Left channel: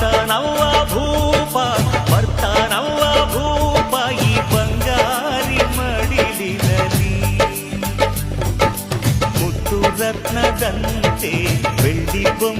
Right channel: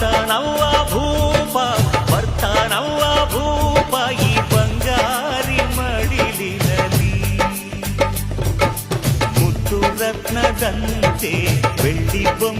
ಬರ್ತಾನವ್ವ ಭೂಪ ಬರ್ತಾನವ್ವ ಭೂಪ ಈ ಬಂಗಾರಿ ಮಡಿಲಿನಲ್ಲಿ ಮುತ್ತು ರತ್ನದಂತೆ ಬೆಳ್ಳಿ ಬೊಂಬೆ